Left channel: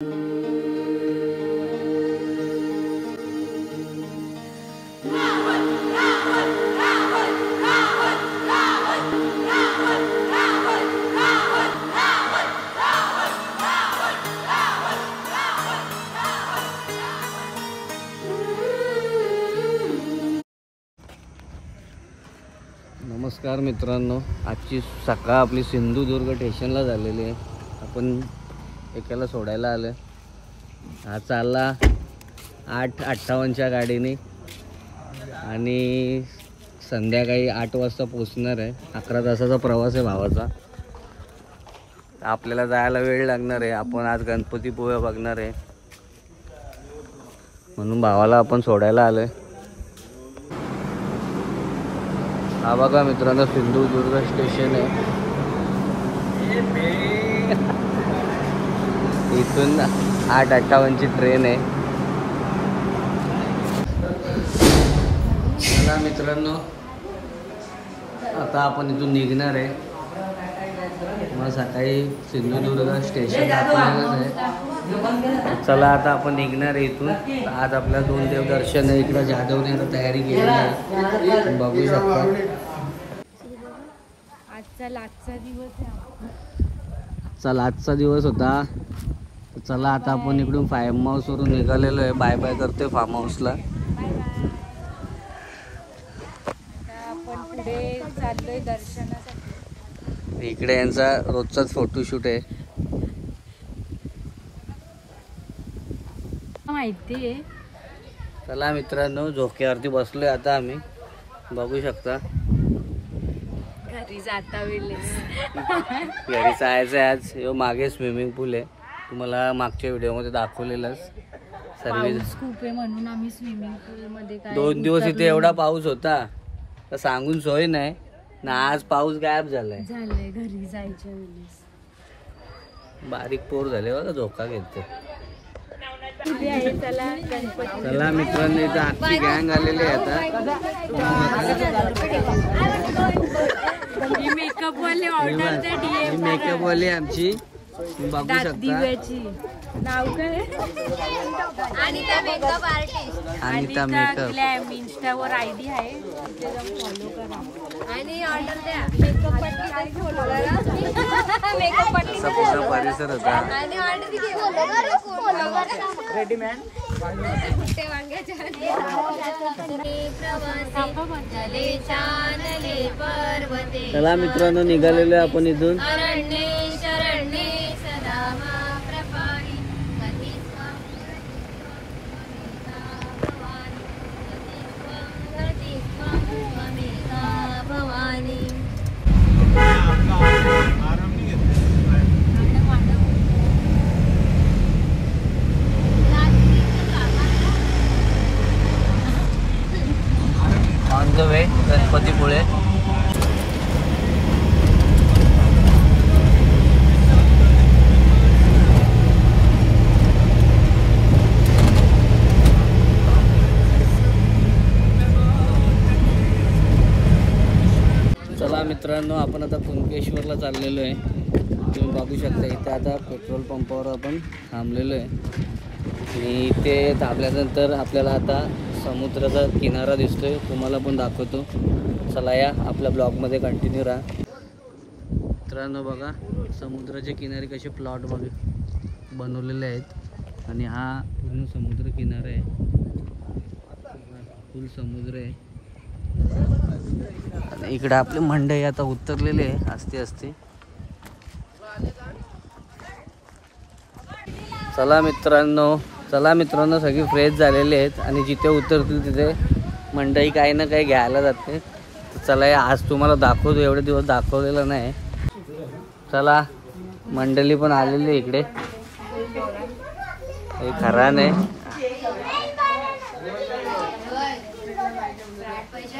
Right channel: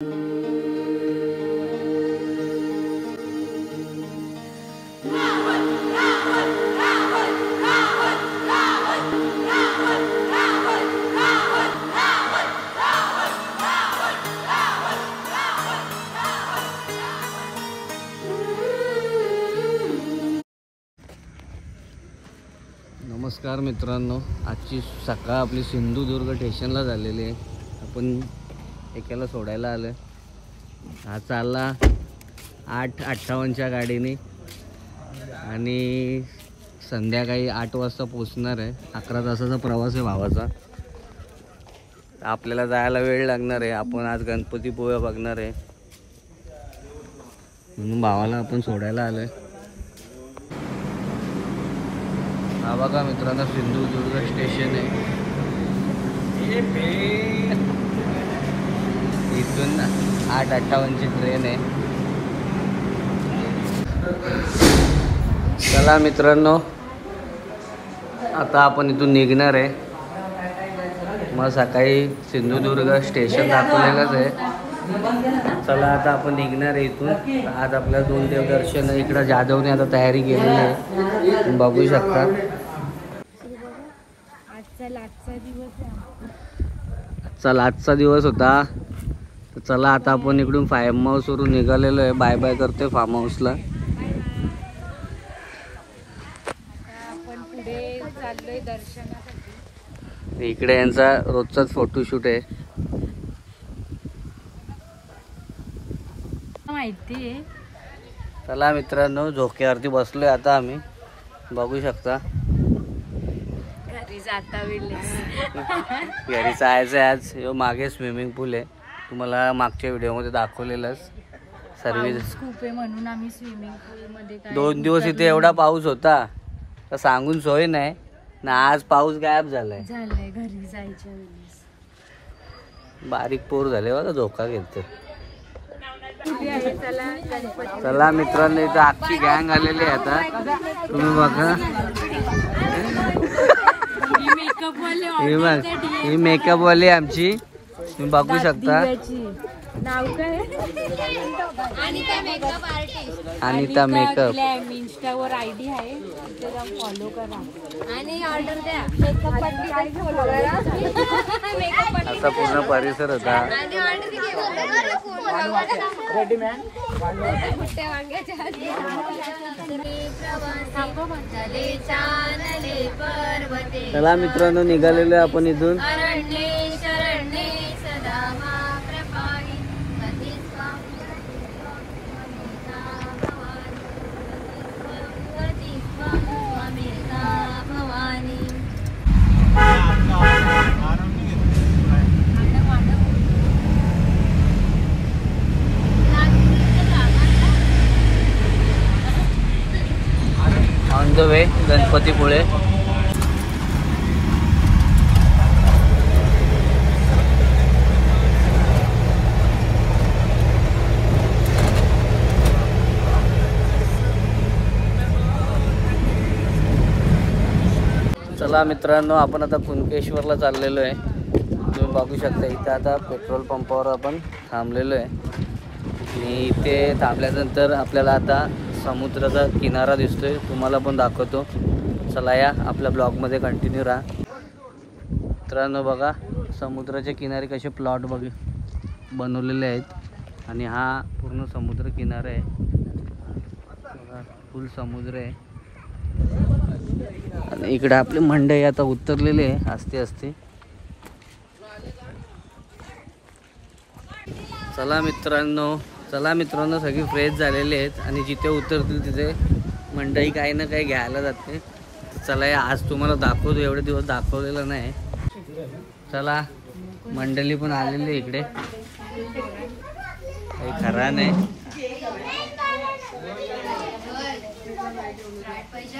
नमस्कार मित्रांनो, आजची सकाळ आपली सिंधुदुर्ग स्टेशनला झालेली आहे. आपण एकाला सोडायला आलो. हा चालला 8:58च्या गाडीने आणि संध्याकाळी 8 वाजता पोचणार आहे. 11 तासाचा प्रवास आहे भावाचा. आपल्याला जायला वेळ लागणार आहे. आपण आज गणपतीपुळे बघणार आहे म्हणून भावाला आपण सोडायला आलोय. हा बघा मित्रांनो, सिंधुदुर्ग स्टेशन आहे. इथून 8:58ची ट्रेन आहे. चला मित्रांनो, आता आपण इथून निघणार आहे. मग सकाळी सिंधुदुर्ग स्टेशन दाखवलेलंच आहे. चला आता आपण निघणार आहे इथून. आज आपल्याला 2 देवदर्शन इकडं जाधवने आता तयारी केलेली आहे, बघू शकता. आजचा दिवस होता. तर चला आता आपण इकडून फार्म हाऊसवरून निघालेलो आहे. बाय बाय करते फार्म हाऊसला. आपण पुढे चाललोय दर्शनासाठी. इकडे यांचा रोजचाच फोटोशूट आहे. माहिती आहे. चला मित्रांनो, झोक्यावरती बसलोय आता आम्ही, बघू शकता. घरी जाता वेळेस घरी जायचं आहे आज. मागे स्विमिंग पूल आहे, तुम्हाला मागच्या व्हिडिओमध्ये दाखवलेलंच. सर्विस खूप आहे म्हणून आम्ही स्विमिंग पूल मध्ये 2 दिवस इथे एवढा पाऊस होता तर सांगून सोय नाही ना. आज पाऊस गायब झालाय. घरी जायच्या वेळेस बारीक पोर झाले बघा, धोका घेते. चला मित्रांनो, इथं आजची गँग आलेली आहे. आता तुम्ही बघा, ही मेकअप वाली आमची, तुम्ही बघू शकता. Anita makeup artist. Anita makeup. इंस्टावर आयडी आहे, तिथे जाऊन फॉलो करा आणि ऑर्डर द्या. असा पूर्ण परिसर होता. चला मित्रांनो, निघालेलो आपण इथून. On the way Ganpatipule. चला मित्रांनो, आपण आता कुणकेश्वरला चाललेलो आहे. तुम्ही बघू शकता इथे आता पेट्रोल पंपावर आपण थांबलेलो आहे. आणि इथे थांबल्यानंतर आपल्याला आता समुद्राचा किनारा दिसतोय, तुम्हाला पण दाखवतो. चला या आपल्या ब्लॉगमध्ये कंटिन्यू राहा. मित्रांनो बघा, समुद्राच्या किनारी कसे प्लॉट बनवलेले आहेत. आणि हा पूर्ण समुद्र किनारा आहे बघा, फुल समुद्र आहे. आणि इकडे आपले मंडई आता उतरलेले आहे असते असते. चला मित्रांनो, सगळी फ्रेश झालेली आहेत आणि जिथे उतरतील तिथे मंडई काही ना काही घ्यायला जाते. तर चला या, आज तुम्हाला दाखवतो, एवढे दिवस दाखवलेलं नाही. चला, मंडळी पण आलेली इकडे. खरा नाही,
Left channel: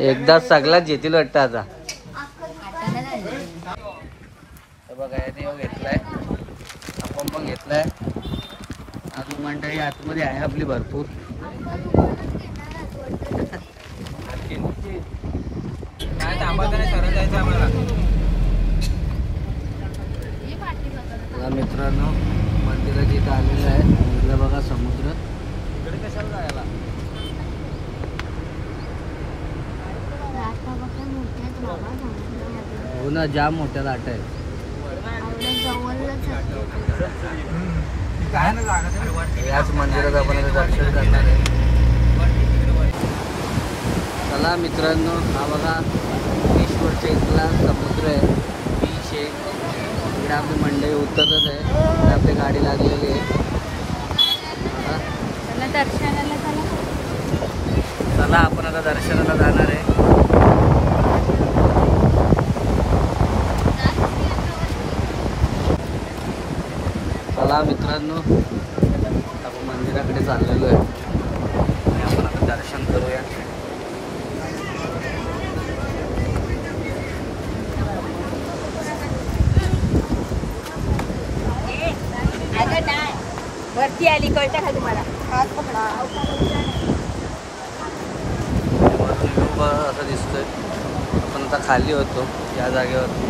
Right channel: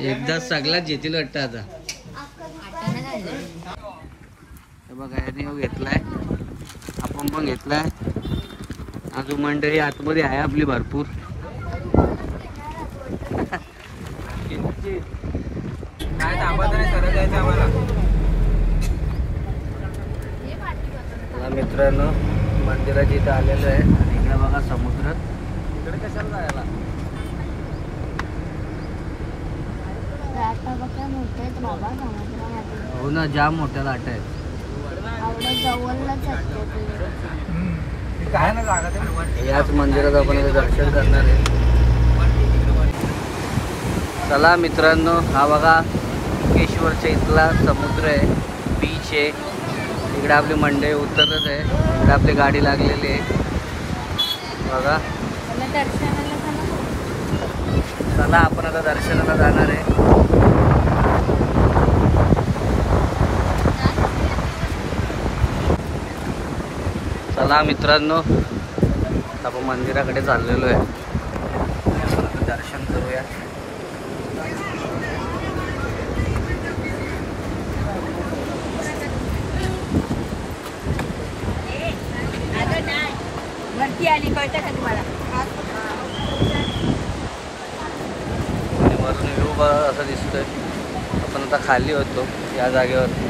एकदाच सगळ्याच येतील वाटतं आता. बघा, याने घेतलाय, आपण पण घेतलाय. अजून मंडळी आतमध्ये आहे आपली भरपूर. मित्रांनो, मंदिराच्या इथं आलेलो आहे आणि इकडे बघा समुद्र. इकडे कशाला जायला? हो ना, जाम मोठ्या लाट आहे. याच मंदिरात आपण आता दर्शन करणार आहे. चला मित्रांनो, हा बघा मुकेश्वरच्या इथला समुद्र आहे, बीच आहे. इकडे आपली मंडई उतरत आहे. इकडे आपली गाडी लागलेली आहे बघा. चला आपण आता दर्शनाला जाणार आहे. चला मित्रांनो, आपण मंदिराकडे चाललेलो आहे आणि आपण आता दर्शन करूया. आणि वरून व्ह्यू बघा असं दिसतोय. आपण आता खाली होतो या जागेवरती.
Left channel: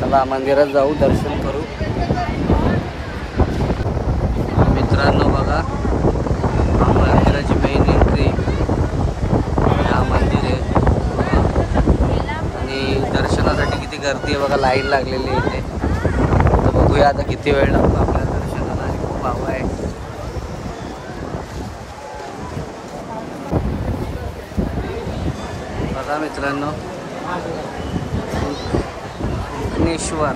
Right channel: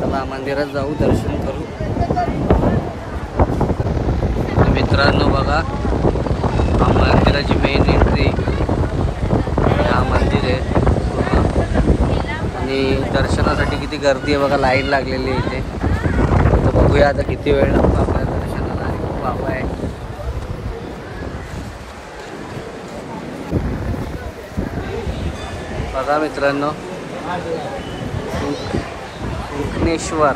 चला मंदिरात जाऊ, दर्शन करू. मित्रांनो बघा, हा मंदिराची मेन एंट्री, हा मंदिर आहे आणि दर्शनासाठी किती गर्दी आहे बघा, लाईन लागलेली आहे इथे. तर बघूया आता किती वेळ लागतो आपल्या दर्शनाला. आणि खूप हवा आहे. बघा मित्रांनो, सुखनेश्वर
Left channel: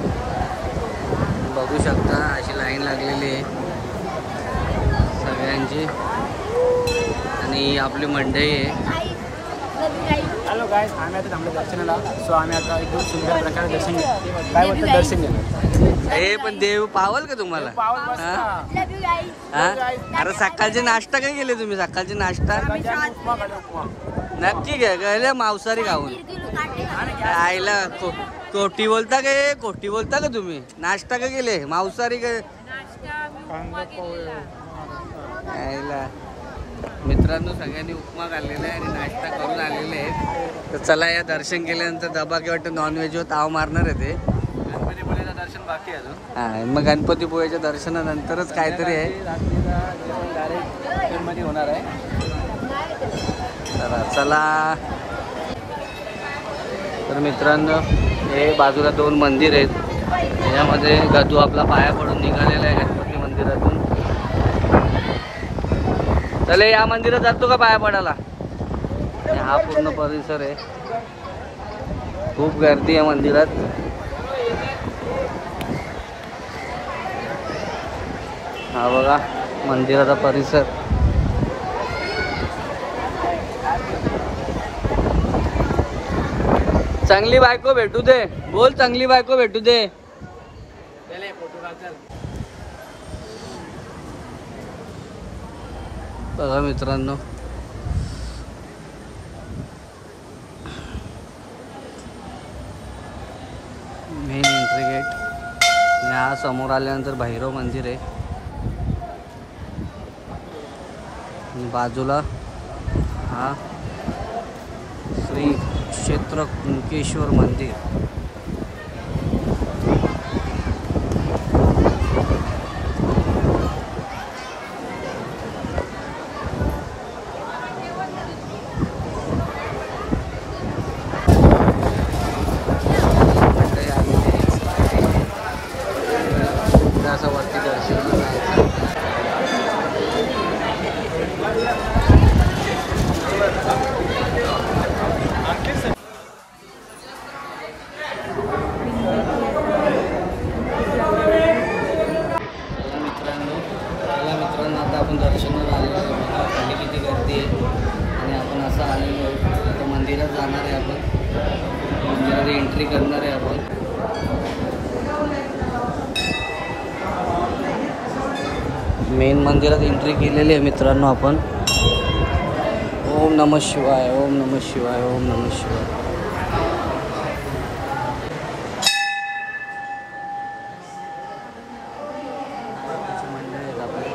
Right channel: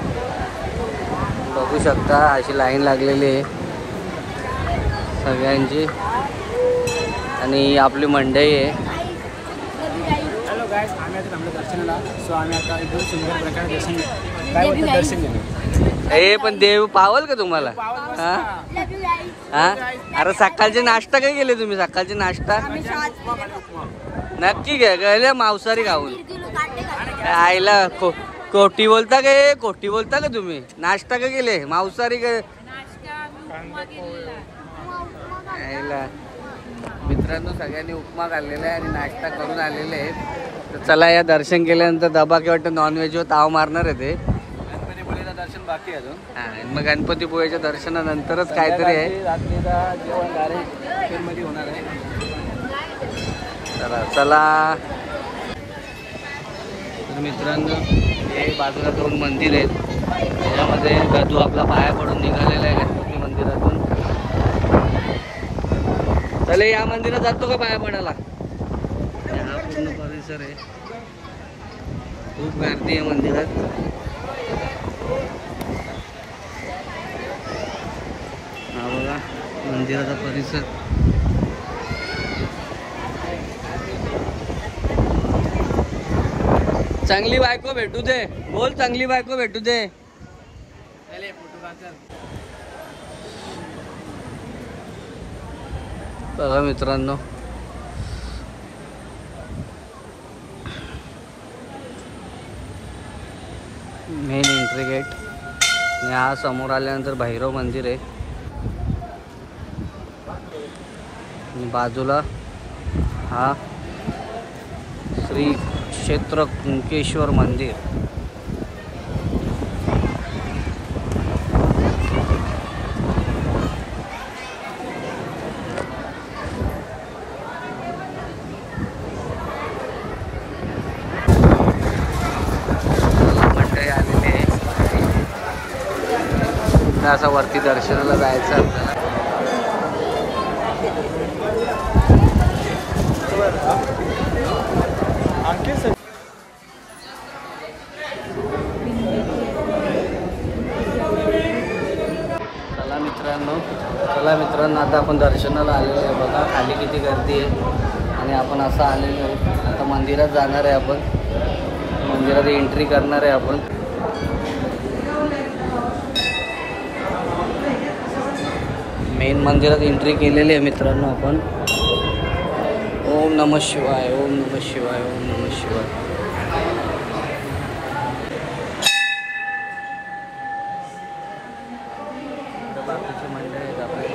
बघू शकता, अशी लाईन लागलेली आहे सगळ्यांची आणि आपली मंडई आहे. हॅलो गाईस, आम्ही आता थांबलो दर्शनाला. सो आम्ही आता एकदम सुंदर प्रकारे दर्शन घेऊ. काय बोलतो दर्शन घेणार? ए पण देव पावल का तुम्हाला? हा, अरे सकाळचे नाश्ता काय केले तुम्ही? सकाळचे नाश्ता नक्की गेले मांसाहारी खाऊन? आईला कोटी बोलता का? कोटी बोलता का तुम्ही? नाश्ता का केले मांसाहारी काय? आईला मित्रांनो, सगळ्यांनी उपमा खाल्लेला आहे आणि नाश्ता करून आलेले आहेत. तर चला, या दर्शन केल्यानंतर दबा किंवा वाटतं नॉनव्हेजवर ताव मारणार आहे ते. गणपतीपुळेचं दर्शन बाकी आहे अजून. हा, मग गणपतीपुळेच्या दर्शनानंतरच काहीतरी आहे. मध्ये होणार आहे. चला चला. तर मित्रांनो, हे बाजूला 2 मंदिर आहेत. त्याच्यामध्ये गदू आपला पाया पडून निघालेला आहे गणपती मंदिरातून. चले, या मंदिरात जातो का पाया पडायला? आणि हा पूर्ण परिसर आहे. खूप गर्दी आहे मंदिरात. हा बघा मंदिराचा परिसर. चांगली बायको भेटू दे. बोल, चांगली बायको भेटू दे. बघा मित्रांनो, मेन एंट्री गेट. आणि हा समोर आल्यानंतर भैरव मंदिर आहे. आणि बाजूला हा श्री क्षेत्र कुंकेश्वर मंदिर. मंडळी आलेले आहे. असं वरती दर्शनाला जायचं. चला मित्रांनो, आता आपण दर्शनाला आलेलो आहे. बघा खाली किती गर्दी आहे आणि आपण असं आलेलो आहे. आता मंदिरात जाणार आहे. आपण मंदिरात एंट्री करणार आहे. आपण मेन मंदिरात एंट्री केलेली आहे मित्रांनो आपण. ओम नमः शिवाय, ओम नमः शिवाय, ओम नमः शिवाय. जातोय.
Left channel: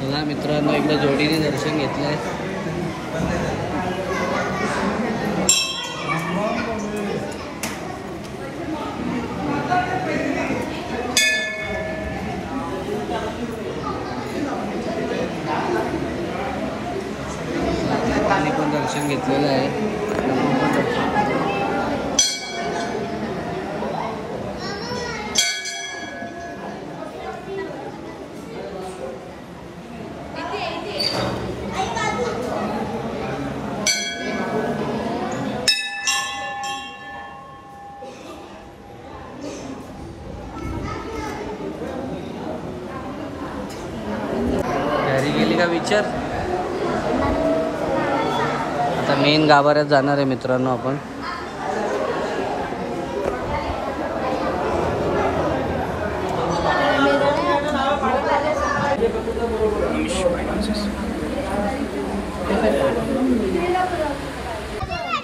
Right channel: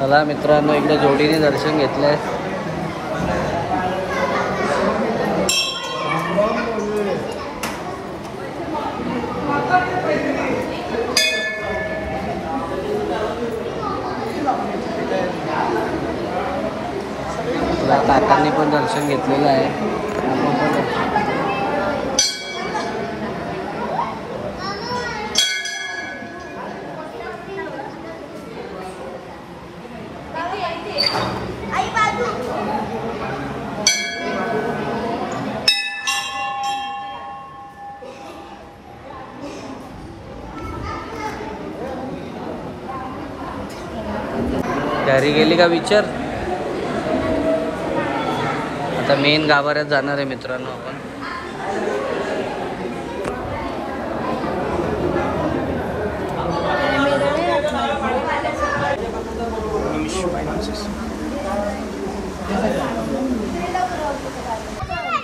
चला मित्रांनो, इकडे जोडीने दर्शन घेतलंय. काकांनी पण दर्शन घेतलेलं आहे. घरी गेली का विचार. आता मेन गाभाऱ्यात जाणार आहे मित्रांनो आपण.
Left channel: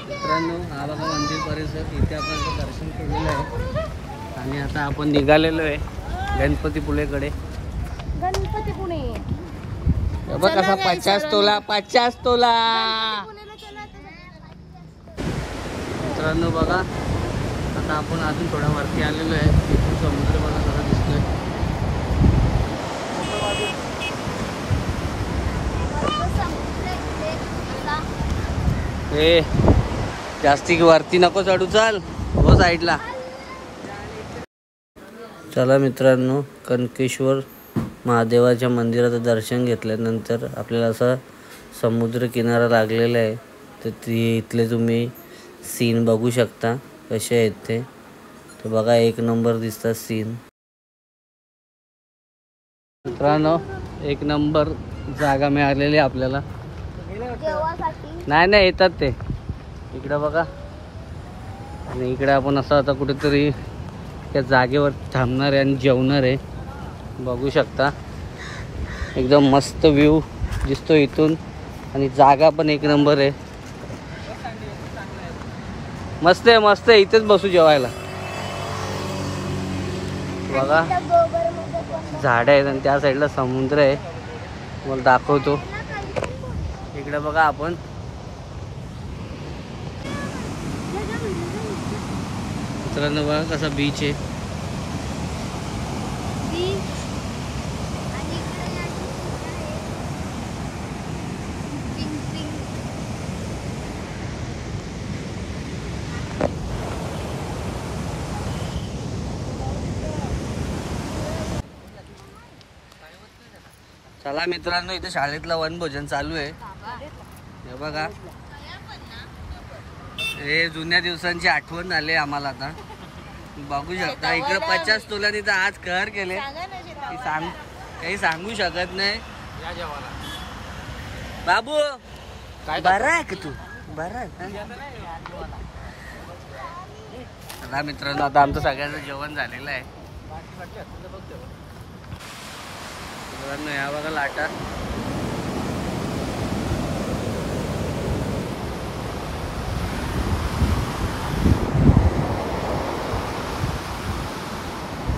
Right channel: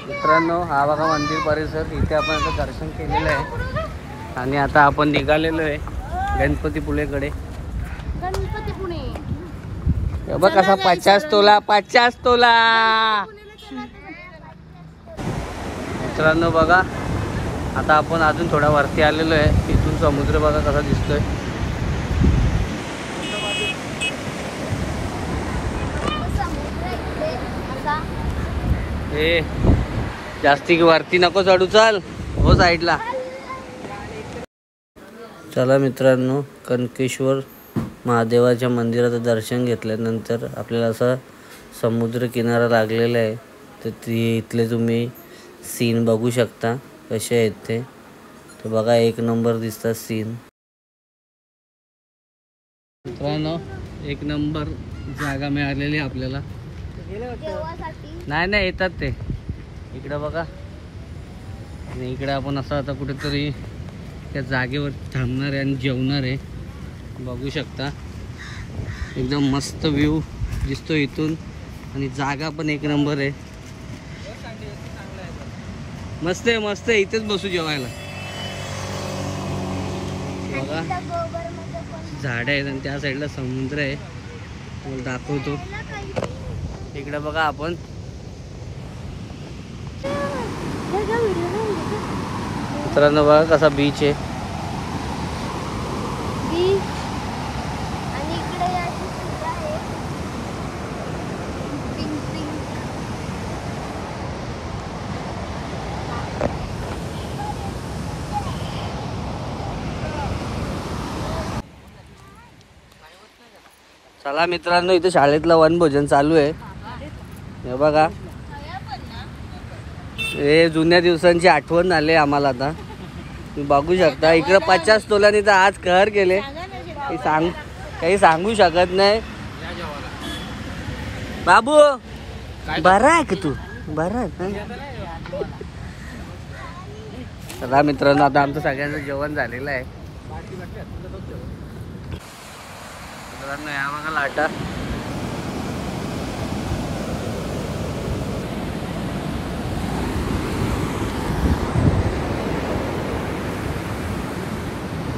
मित्रांनो, हा बघा मंदिर परिसर. इथे आपण आता दर्शन केलेलं आहे आणि आता आपण निघालेलो आहे गणपतीपुळेकडे. बघ कसा 50 तोला 50 तोला. मित्रांनो बघा, आता आपण अजून थोडा वरती आलेलो आहे. तिथून समुद्र बघा कसा दिसतोय. ए जास्ती वरती नको चढू, चाल हो साईडला. चला मित्रांनो, कनकेश्वर महादेवाच्या मंदिराचं दर्शन घेतल्यानंतर आपल्याला असा समुद्र किनारा लागलेला आहे. तर इथले तुम्ही सीन बघू शकता कसे आहेत ते. तर बघा, एक नंबर दिसतात सीन. मित्रांनो, एक नंबर जागा मिळालेली आपल्याला. नाही येतात ते इकडं बघा. आणि इकडे आपण असं आता कुठेतरी त्या जागेवर थांबणार आहे आणि जेवणार आहे. बघू शकता, एकदम मस्त व्ह्यू दिसतो इथून आणि जागा पण एक नंबर आहे. मस्त आहे मस्त आहे. इथेच बसू जेवायला. बघा, झाड आहेत आणि त्या साईडला समुद्र आहे. मला दाखवतो. इकडे बघा आपण. मित्रांनो बघा कसा बीच आहे. चला मित्रांनो, इथे शाळेतला वनभोजन चालू आहे. हे बघा, हे जुन्या दिवसांची आठवण झाली आम्हाला. आता तुम्ही बघू शकता इकडे 50 तोलांनी तर आज कहर केले. काही सांगू शकत नाही. बाबू बरा आहे का तू? बरा आहे. चला मित्रांनो, आता आमचं सगळ्यांचं जेवण झालेलं आहे. या बघा लाटा.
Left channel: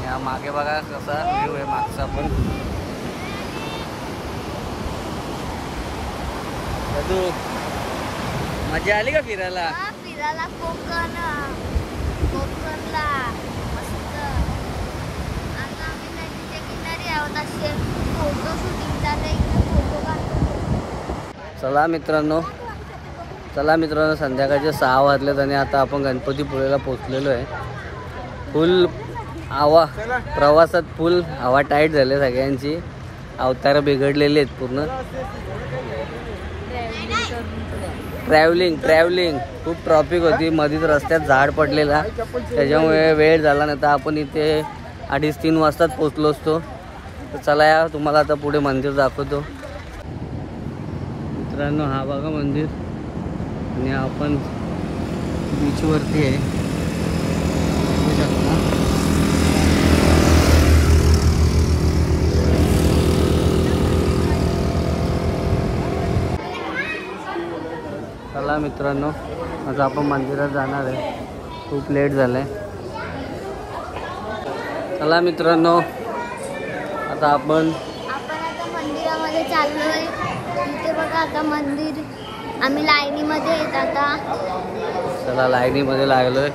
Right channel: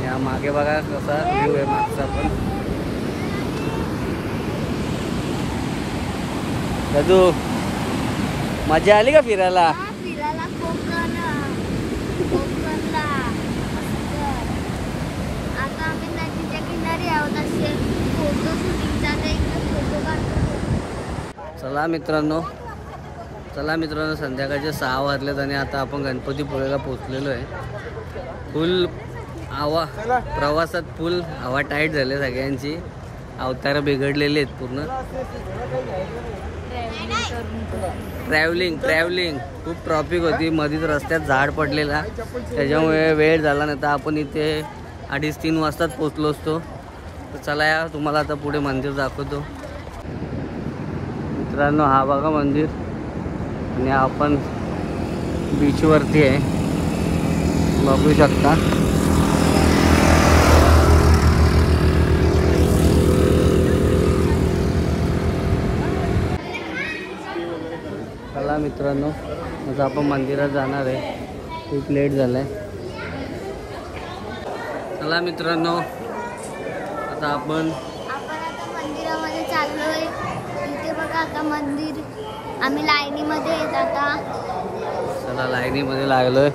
या मागे बघा कसा व्ह्यू आहे मागचा पण. दादू, मजा आली का फिरायला? फिरायला कोकणला मस्त. आता आम्ही नदीच्या किनारी आहोत. असे फोटो शूटिंग चालू. चला मित्रांनो, संध्याकाळचे 6 वाजलेत आणि आता आपण गणपतीपुळेला पोचलेलो आहे. फुल प्रवासात फुल हवा टाईट झाली सगळ्यांची. अवतार बिघडलेले आहेत पूर्ण. ट्रॅव्हलिंग खूप ट्रॉफिक होती. मध्येच रस्त्यात झाड पडलेला, त्याच्यामुळे वेळ झाला. नाही तर आपण इथे 2:30-3 वाजताच पोचलो असतो. तर चला या, तुम्हाला आता पुढे मंदिर दाखवतो. मित्रांनो, हा बघा मंदिर. आणि आपण बीचवरती आहे, बघू शकता. चला मित्रांनो, आता आपण मंदिरात जाणार आहे. खूप लेट झालंय. चला मित्रांनो, आता आपण आता मंदिरामध्ये चाललोय. इथे बघा आता मंदिर, आम्ही लाईनीमध्ये येत आता. चला लाईनीमध्ये लागलोय.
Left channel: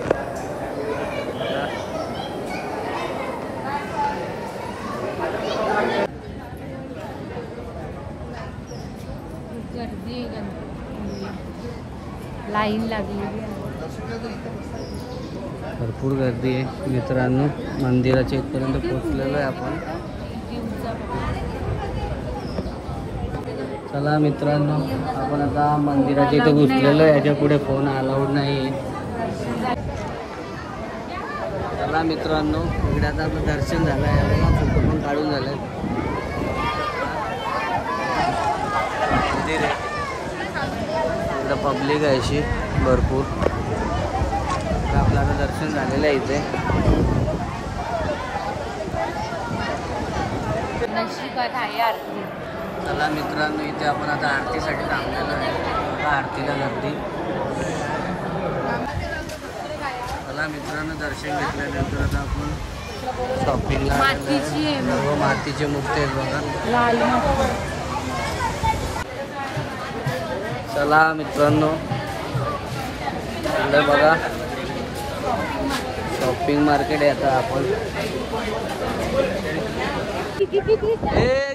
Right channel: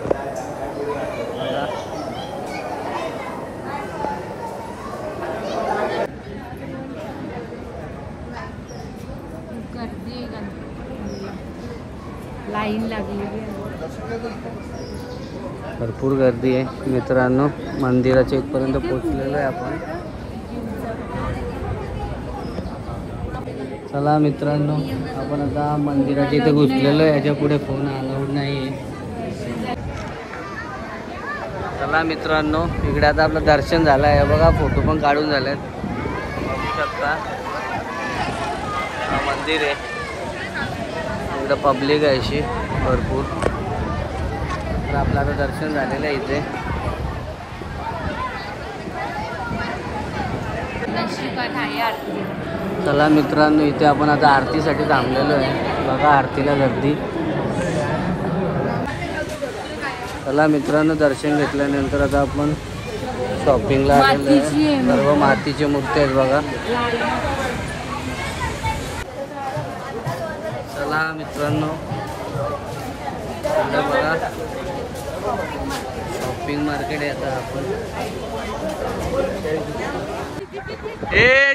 लाईन लागली. भरपूर गर्दी आहे मित्रांनो. मंदिराच्या इथपर्यंत पोहोचलेलो आहे आपण. चला मित्रांनो, आपण आता मंदिराच्या इथे घुसलेलो आहे. याच्या पुढे फोन अलाउड नाही आहे. चला मित्रांनो, इकडे आता आपलं दर्शन झालं आहे बघा. फोटो पण काढून झालेत. बघू शकता हा मंदिर आहे. इकडं पब्लिक आहे अशी भरपूर. तर आपलं आता दर्शन झालेलं आहे इथे. चला मित्रांनो, इथे आपण आता आरतीसाठी थांबलेलो आहे बघा. आरतीला गर्दी. चला मित्रांनो, दर्शन घेतल्यानंतर आता आपण शॉपिंगला आलेलो आहे. सर्व मातीचे मूर्ती आहेत बघा. चला मित्रांनो, इकडे बघा शॉपिंग मार्केट आहे. आता आपण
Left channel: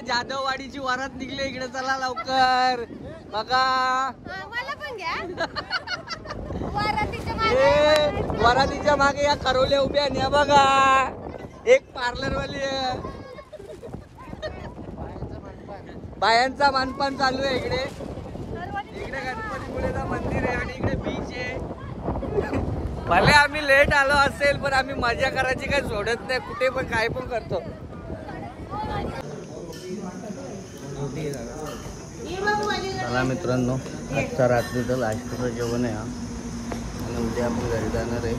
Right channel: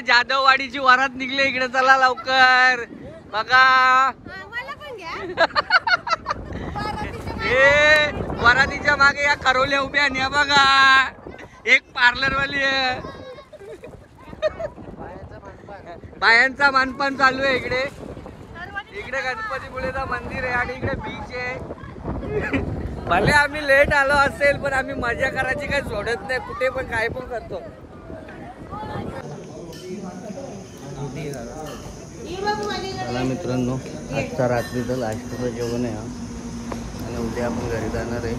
जाधववाडीची वरात निघले इकडे. चला लवकर बघा. वरातीच्या मागे या खरोल्या उभ्या आणि या बघा एक पार्लरवाली आहे. बायांचा मानपान चालू आहे इकडे. इकडे गणपतीपुळेचं मंदिर आहे आणि इकडे बीच आहे. भले आम्ही लेट आलो असेल पण आम्ही मजा करायची काही सोडत नाही. कुठे पण काय पण करतो. चला मित्रांनो, आजचा रात्रीचं लास्टचं जेवण आहे हा. आणि उद्या आपण घरी जाणार आहे.